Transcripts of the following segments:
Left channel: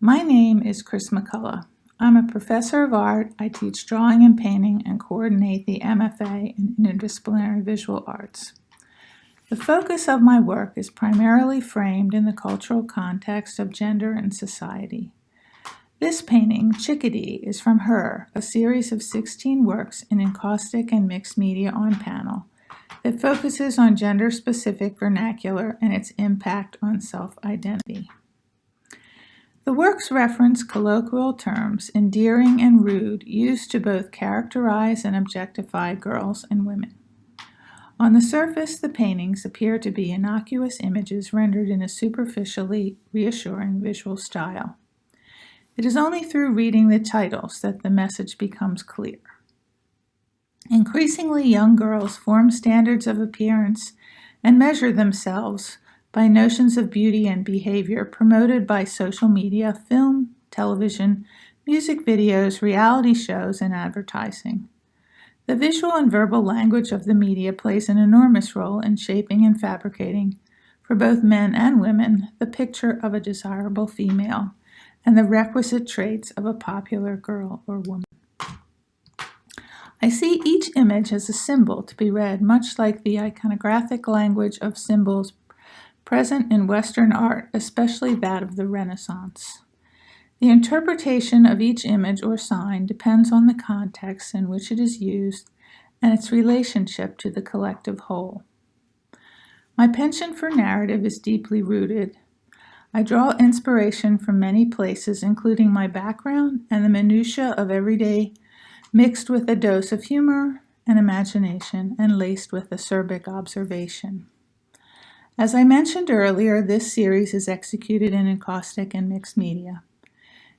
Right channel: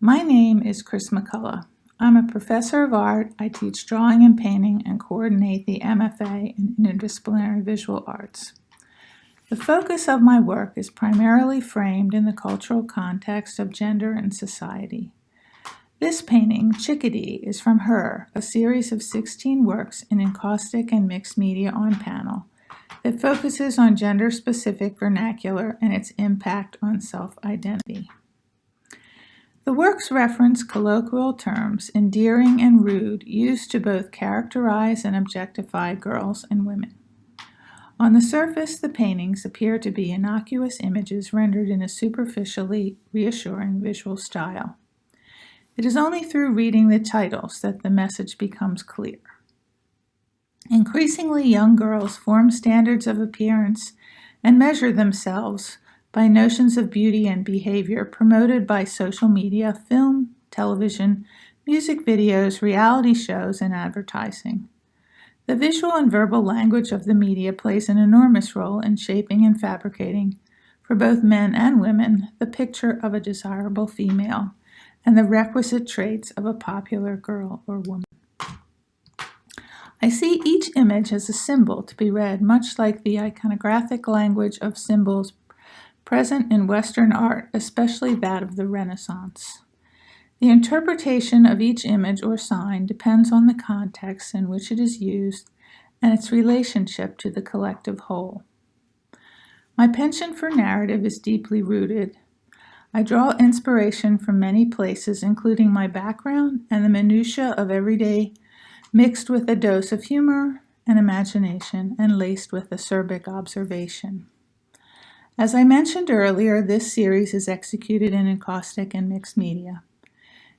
My name is Chris McCullough. I'm a professor of art. I teach drawing and painting and coordinate the MFA in Interdisciplinary Visual Arts. The focus of my work is primarily framed in the cultural context of gender and society. This painting, Chickadee, is from Her, a series of 16 works in encaustic and mixed media on panel that focuses on gender-specific vernacular and its impact on self-identity. The works reference colloquial terms, endearing and rude, used to both characterize and objectify girls and women. On the surface, the paintings appear to be innocuous images rendered in a superficially reassuring visual style. It is only through reading the titles that the message becomes clear. Increasingly, young girls form standards of appearance and measure themselves by notions of beauty and behavior promoted by social media, film, television, music videos, reality shows, and advertising. The visual and verbal language of the media plays an enormous role in shaping and fabricating, for both men and women, the picture of a desirable female and the requisite traits of a popular girl or woman. I see each image as a symbol to be read much like the iconographic language of symbols present in Western art, especially that of the Renaissance. The interpretation of each image or sign depends on the context in which it is used and its relationship to the collective whole. My penchant for narrative is deeply rooted. I draw inspiration from many places, including my background and the minutiae of everyday, mixed with a dose of humor and imagination and laced with acerbic observation. As I mentioned earlier, this series is executed in encaustic and mixed media.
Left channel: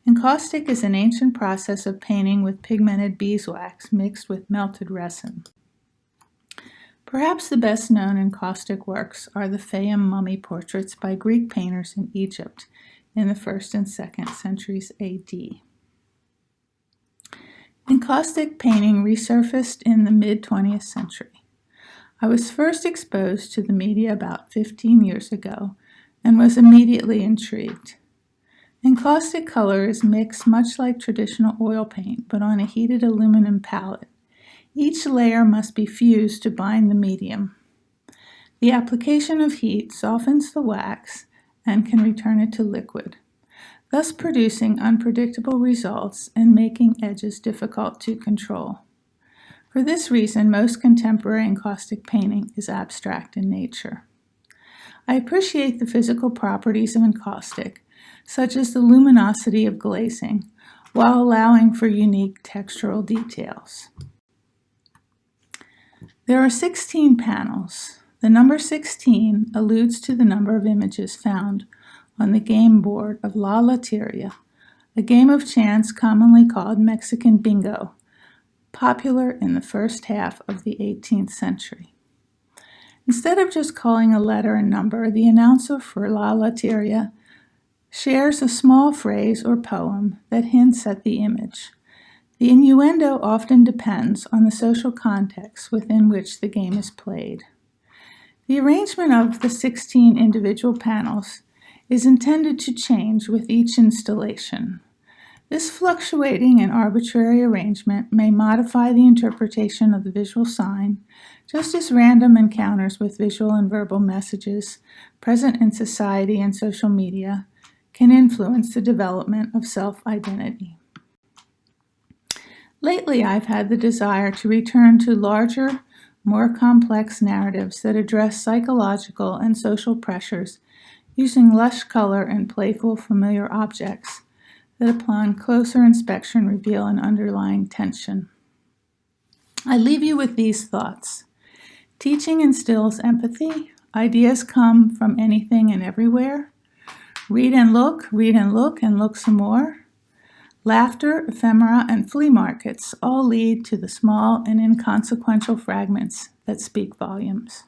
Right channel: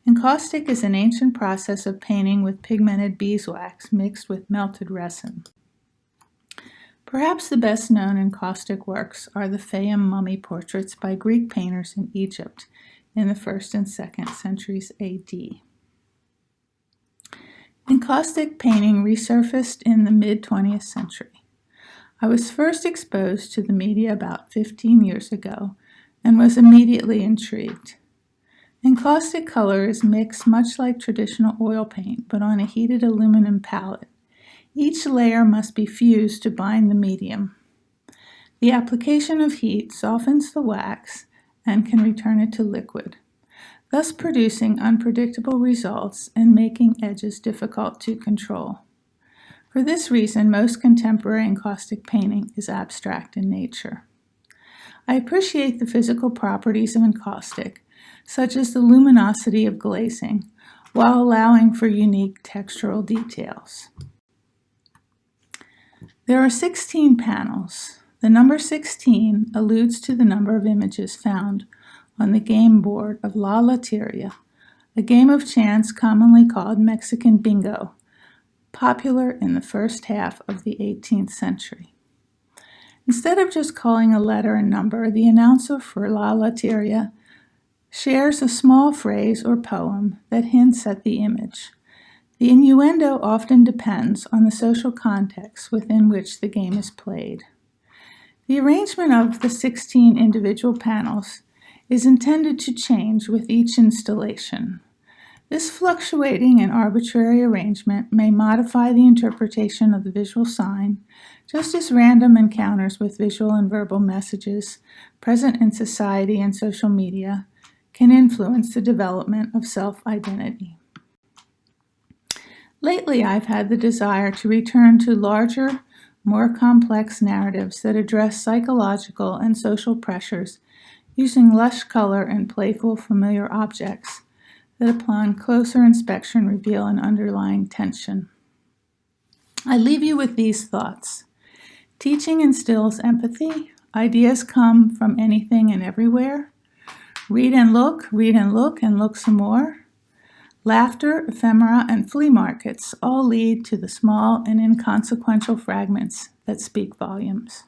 Encaustic is an ancient process of painting with pigmented beeswax mixed with melted resin. Perhaps the best known encaustic works are the Fayum mummy portraits by Greek painters in Egypt in the 1st and 2nd centuries AD. Encaustic painting resurfaced in the mid-20th century. I was first exposed to the media about 15 years ago and was immediately intrigued. Encaustic color is mixed much like traditional oil paint, but on a heated aluminum palette. Each layer must be fused to bind the medium. The application of heat softens the wax and can return it to liquid, thus producing unpredictable results and making edges difficult to control. For this reason, most contemporary encaustic painting is abstract in nature. I appreciate the physical properties of encaustic, such as the luminosity of glazing, while allowing for unique textural details. There are 16 panels. The number 16 alludes to the number of images found on the game board of La Loteria, a game of chance commonly called Mexican bingo, popular in the first half of the 18th century. Instead of just calling a letter and number, the announcer for La Loteria shares a small phrase or poem that hints at the image. The innuendo often depends on the social context within which the game is played. The arrangement of the 16 individual panels is intended to change with each installation. This fluctuating and arbitrary arrangement may modify the interpretation of the visual sign, just as random encounters with visual and verbal messages present in society and social media can influence the development of self-identity. Lately, I've had the desire to return to larger, more complex narratives that address psychological and social pressures using lush color and playful, familiar objects that upon closer inspection reveal an underlying tension. I leave you with these thoughts. Teaching instills empathy. Ideas come from anything and everywhere. Read and look, and look some more. Laughter, ephemera, and flea markets all lead to the small and inconsequential fragments that speak volumes.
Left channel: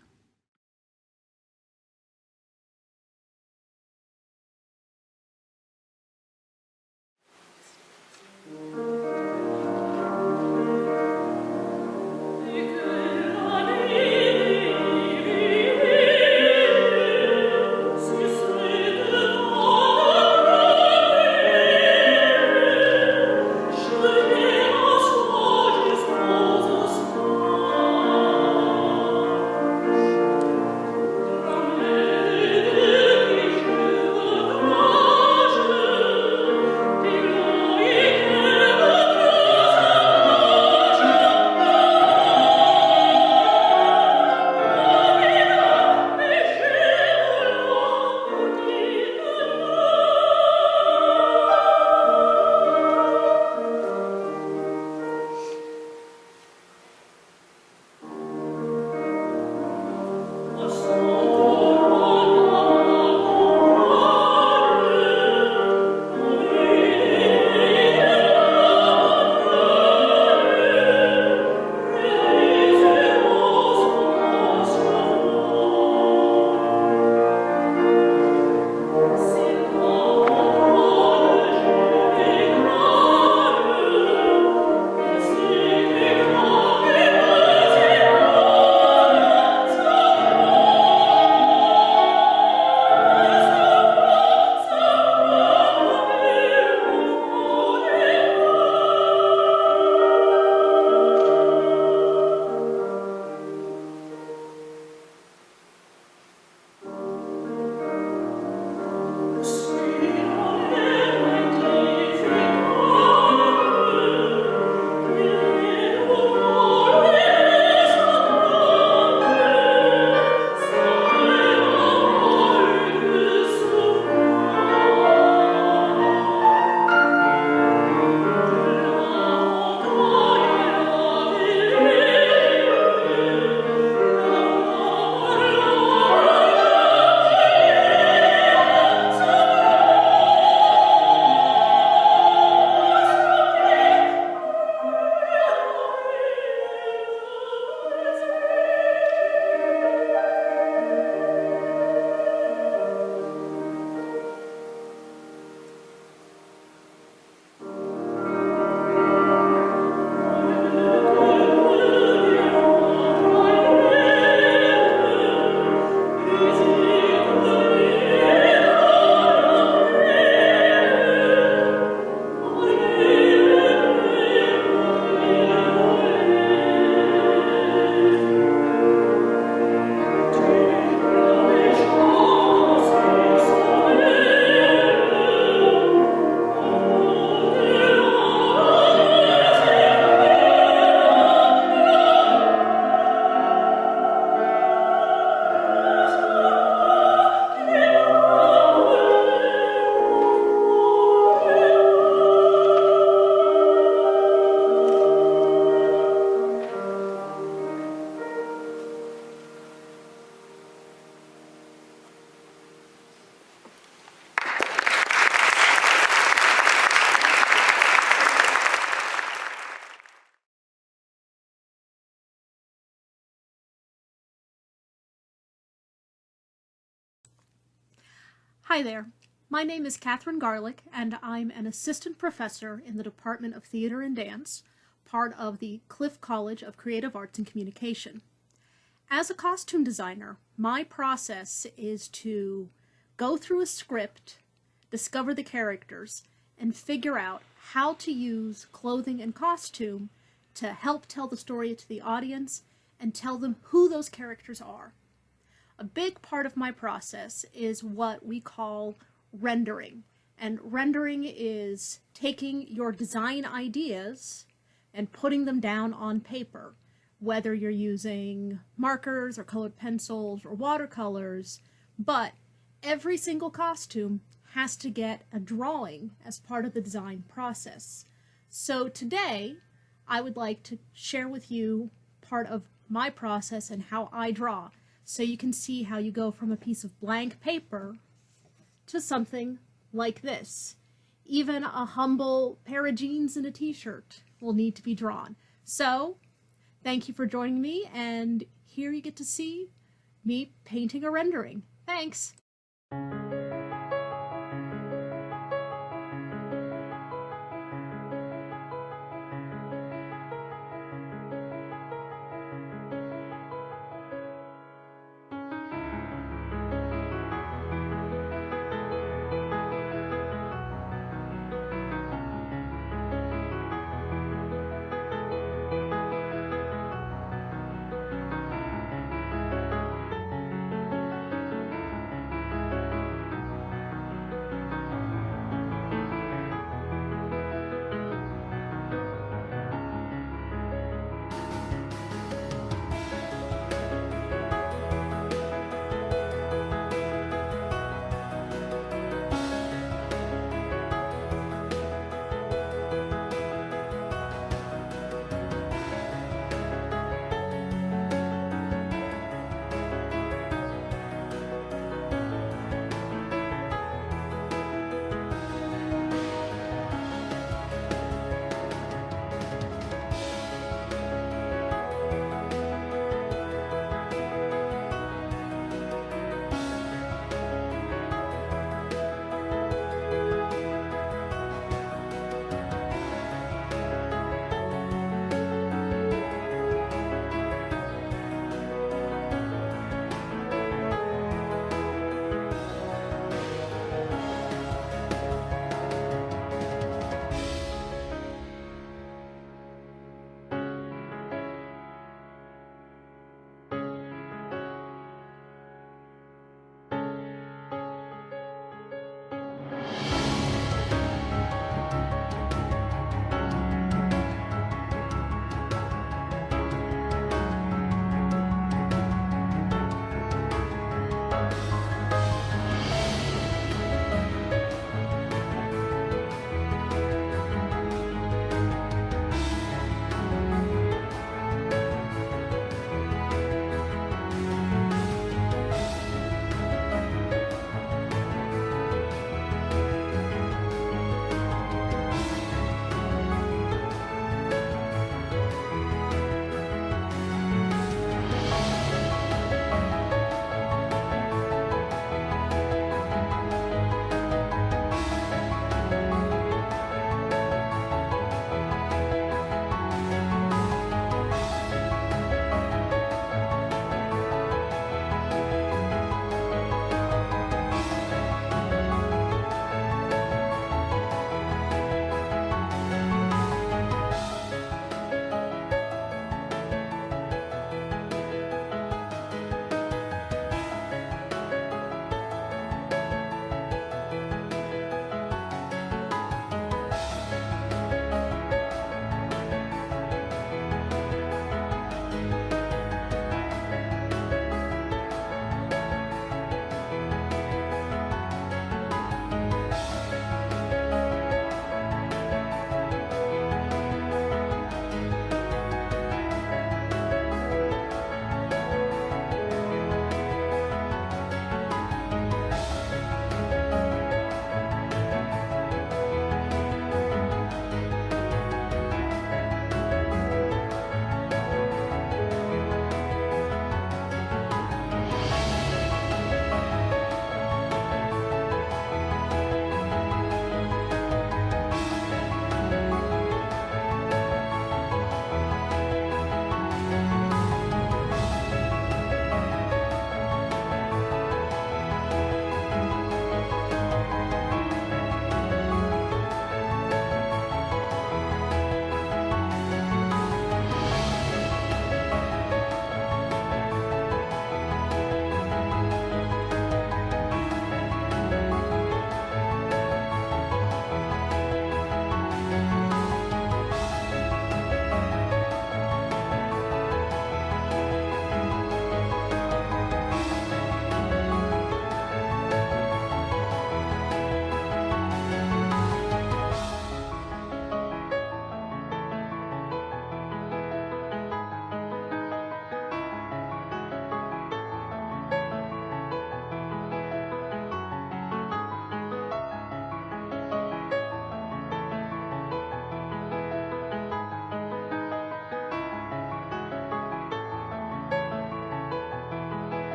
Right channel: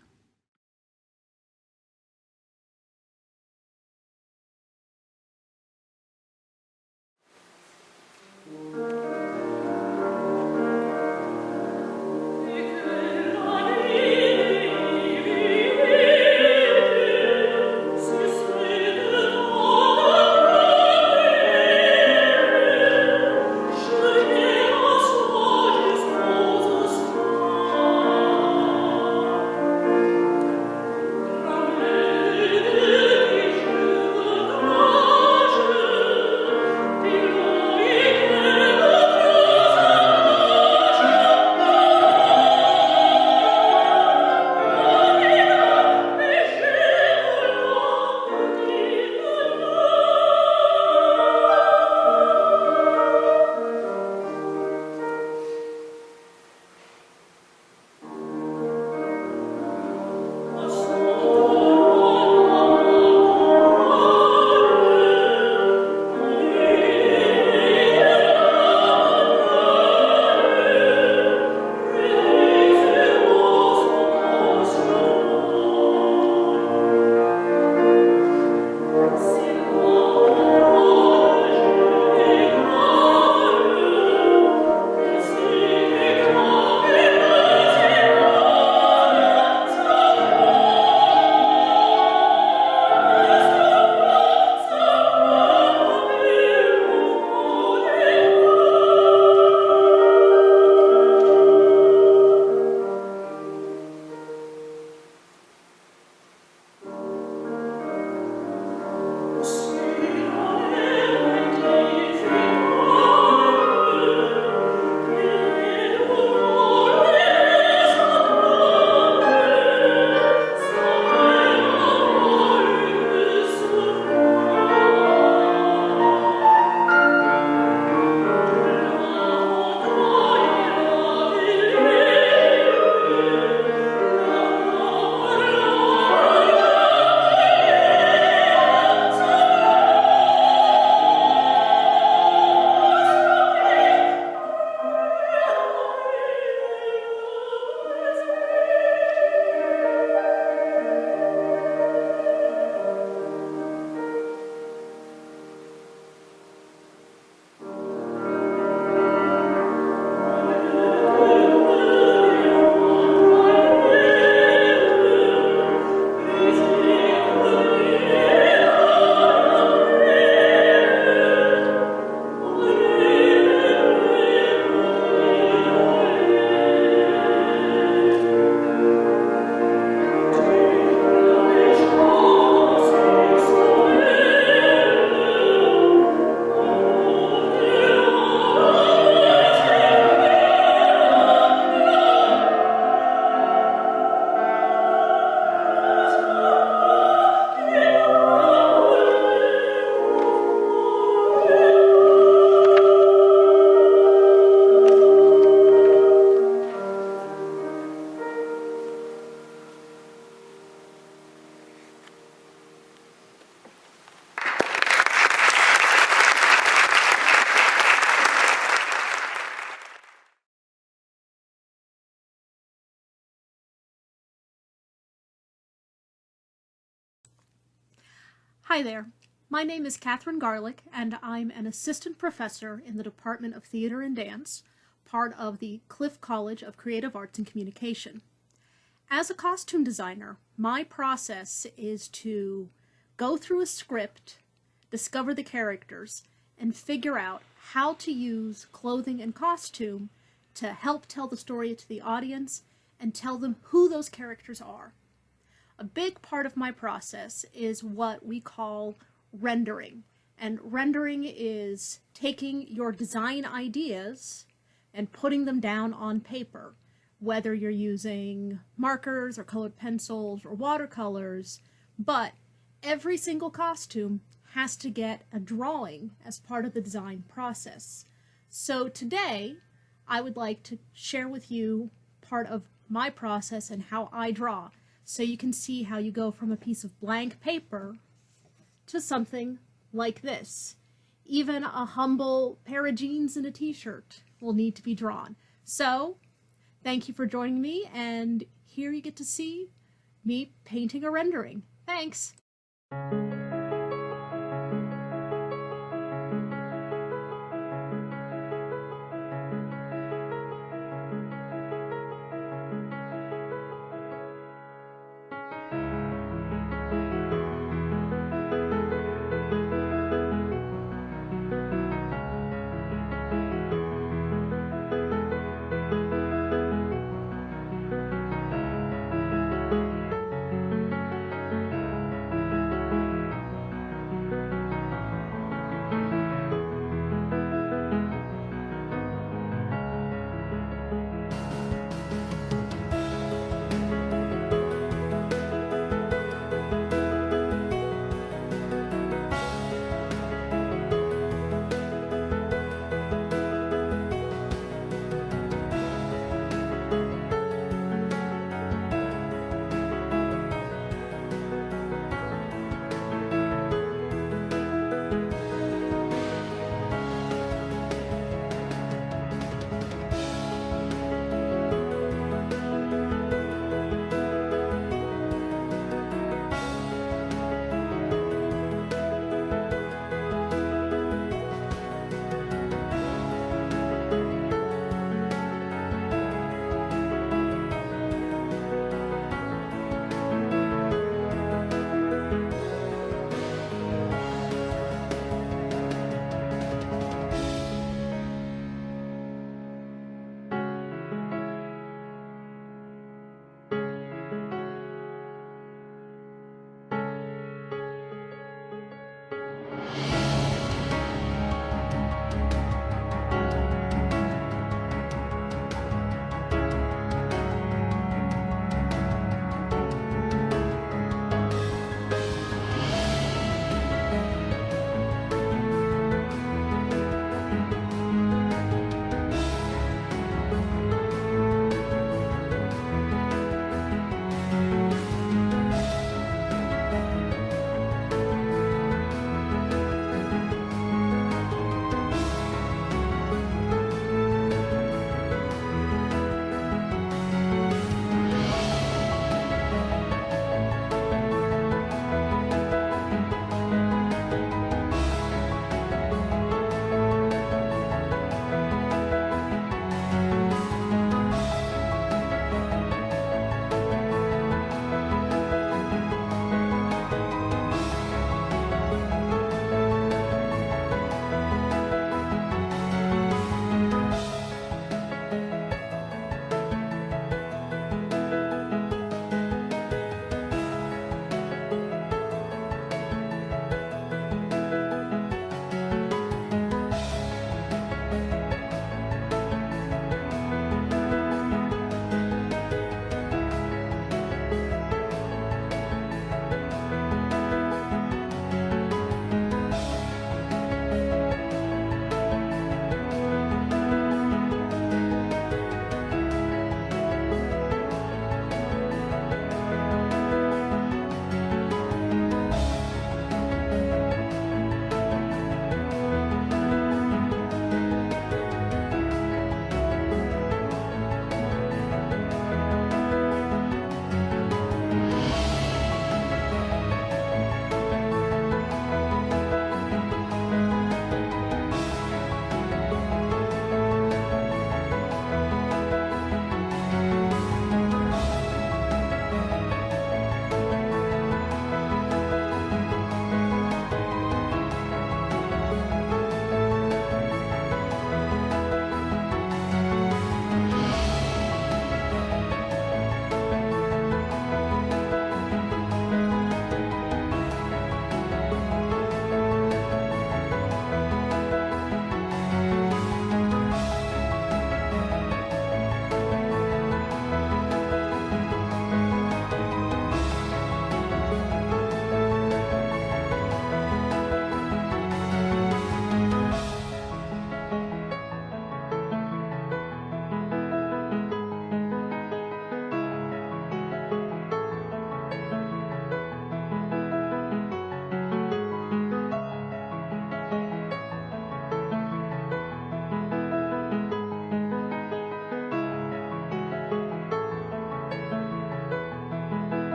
Hi there. My name is Katherine Garlick, and I'm an assistant professor in the Department of Theater and Dance, part of the Cliffe College of Creative Arts and Communication. As a costume designer, my process is to go through a script, discover the characters, and figure out how to use clothing and costume to help tell the story to the audience and tell them who those characters are. A big part of my process is what we call rendering. And rendering is taking your design ideas and putting them down on paper, whether you're using markers or colored pencils or watercolors, but every single costume has to get a drawing as part of the design process. So today, I would like to share with you part of my process and how I draw, so you can see how you go from a piece of blank paper to something like this. Even a humble pair of jeans and a t-shirt will need to be drawn. So, thank you for joining me, and here you get to see me painting a rendering. Thanks!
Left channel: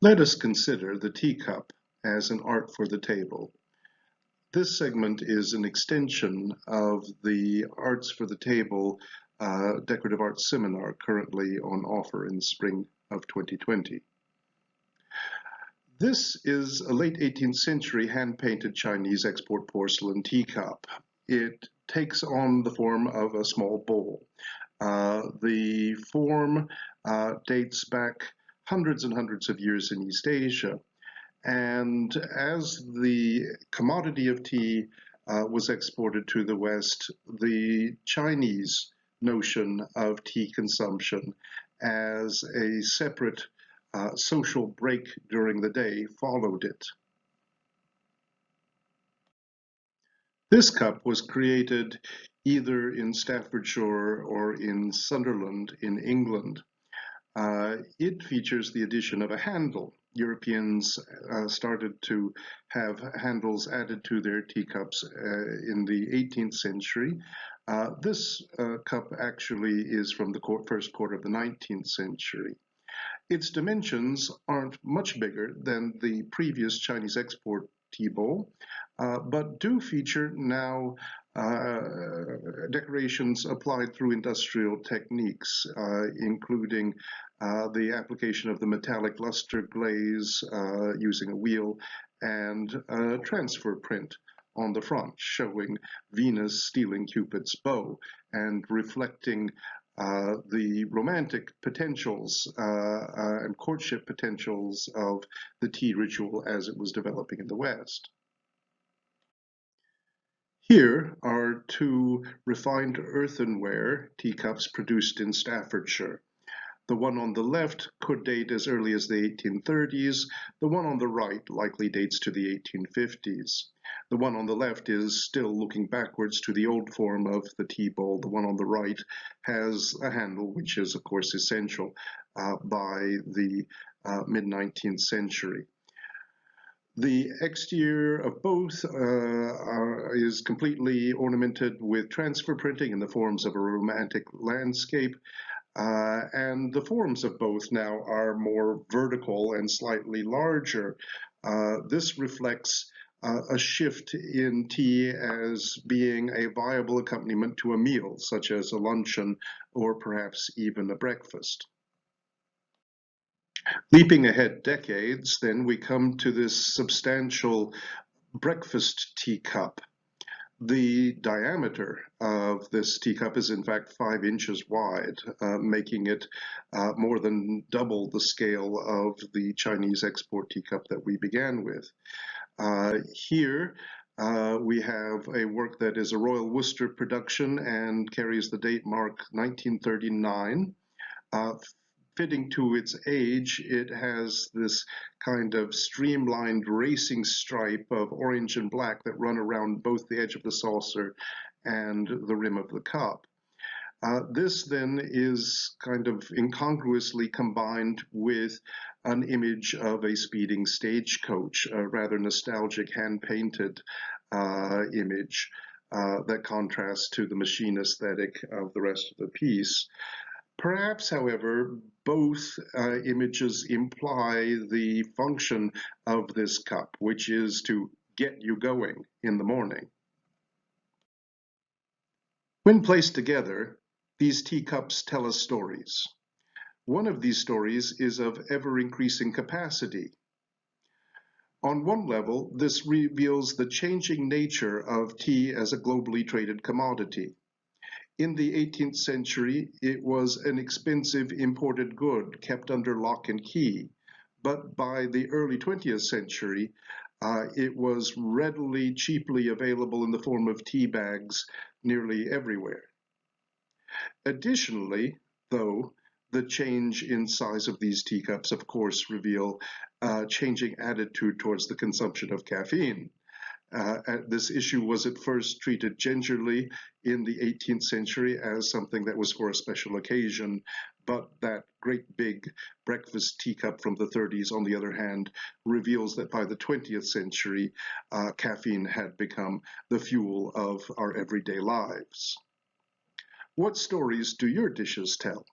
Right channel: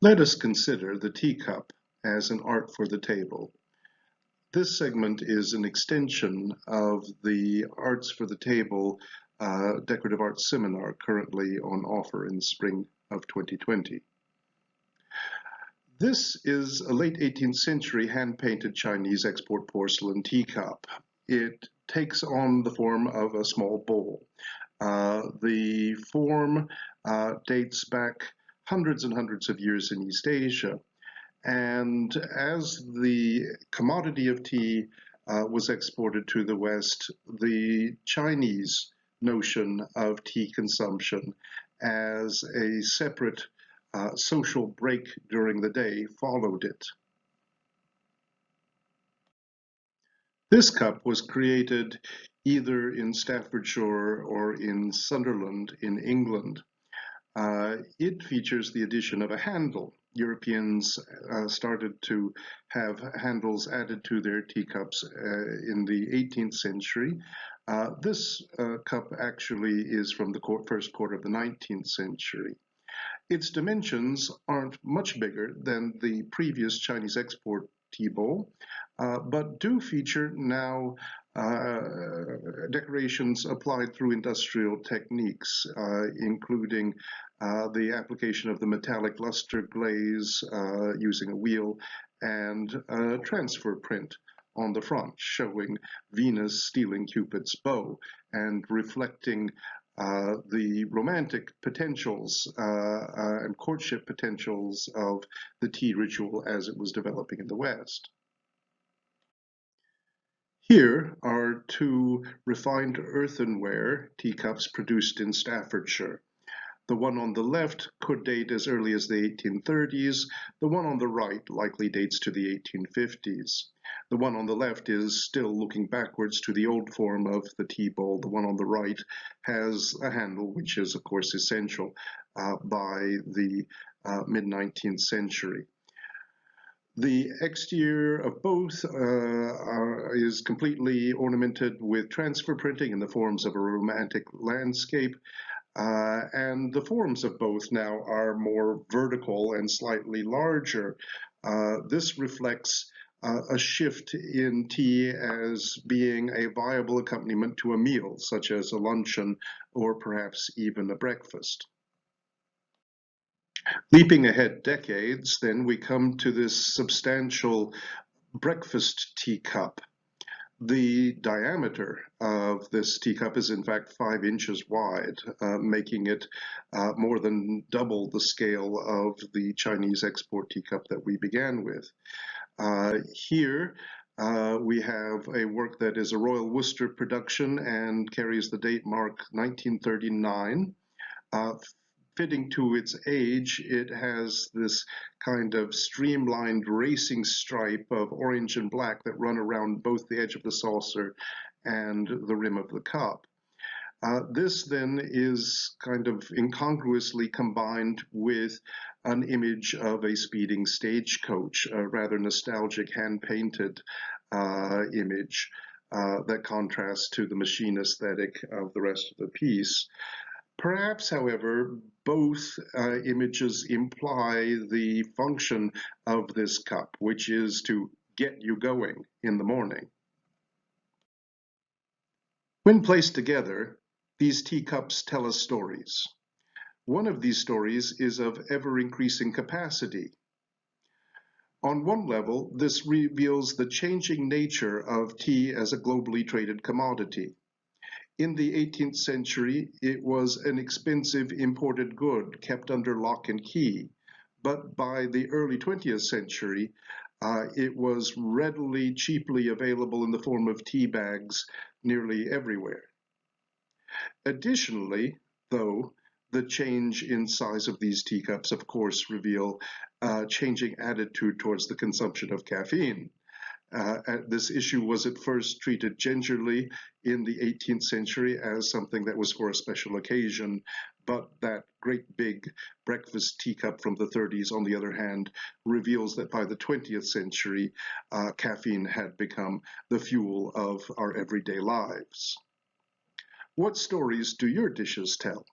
Let us consider the teacup as an art for the table. This segment is an extension of the Arts for the Table Decorative Arts Seminar currently on offer in the spring of 2020. This is a late 18th century hand-painted Chinese export porcelain teacup. It takes on the form of a small bowl. The form dates back hundreds and hundreds of years in East Asia. And as the commodity of tea was exported to the West, the Chinese notion of tea consumption as a separate social break during the day followed it. This cup was created either in Staffordshire or in Sunderland in England. It features the addition of a handle. Europeans started to have handles added to their teacups in the 18th century. This cup actually is from the first quarter of the 19th century. Its dimensions aren't much bigger than the previous Chinese export tea bowl, but do feature now decorations applied through industrial techniques, including the application of the metallic luster glaze using a wheel and a transfer print on the front showing Venus stealing Cupid's bow and reflecting the romantic potentials and courtship potentials of the tea ritual as it was developing in the West. Here are two refined earthenware teacups produced in Staffordshire. The one on the left could date as early as the 1830s. The one on the right likely dates to the 1850s. The one on the left is still looking backwards to the old form of the tea bowl. The one on the right has a handle, which is, of course, essential by the mid-19th century. The exterior of both is completely ornamented with transfer printing in the forms of a romantic landscape. And the forms of both now are more vertical and slightly larger. This reflects a shift in tea as being a viable accompaniment to a meal, such as a luncheon or perhaps even a breakfast. Leaping ahead decades, then we come to this substantial breakfast teacup. The diameter of this teacup is in fact 5 inches wide, making it more than double the scale of the Chinese export teacup that we began with. Here we have a work that is a Royal Worcester production and carries the date mark 1939. Fitting to its age, it has this kind of streamlined racing stripe of orange and black that run around both the edge of the saucer and the rim of the cup. This then is kind of incongruously combined with an image of a speeding stagecoach, a rather nostalgic hand-painted image that contrasts to the machine aesthetic of the rest of the piece. Perhaps, however, both images imply the function of this cup, which is to get you going in the morning. When placed together, these teacups tell us stories. One of these stories is of ever-increasing capacity. On one level, this reveals the changing nature of tea as a globally traded commodity. In the 18th century, it was an expensive imported good kept under lock and key, but by the early 20th century, it was readily, cheaply available in the form of tea bags nearly everywhere. Additionally, though, the change in size of these teacups, of course, reveal a changing attitude towards the consumption of caffeine. This issue was at first treated gingerly in the 18th century as something that was for a special occasion, but that great big breakfast teacup from the 30s, on the other hand, reveals that by the 20th century, caffeine had become the fuel of our everyday lives. What stories do your dishes tell?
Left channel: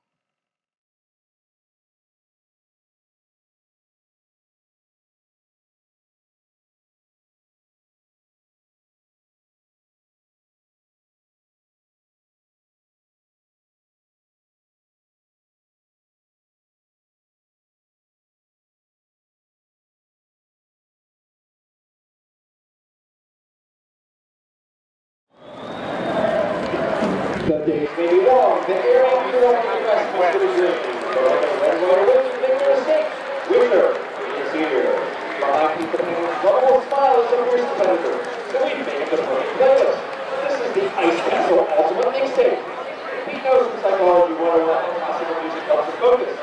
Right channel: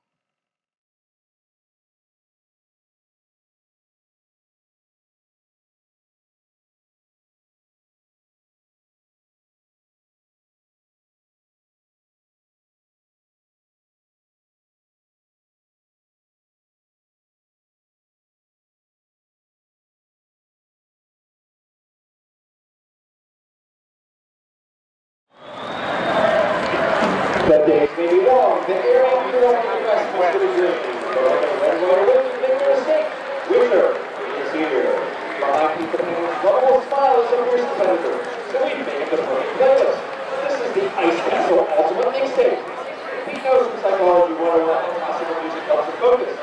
The days may be long, the air may be long, the rest must be dream. But everyone wins to make a mistake. Winner is here. Behind Pete the Penguin's lovable smile is a fierce competitor. So we made the perfect playlist. This is the Ice Castle Ultimate Mixtape. Pete knows from Psychology 101 that classical music helps us focus.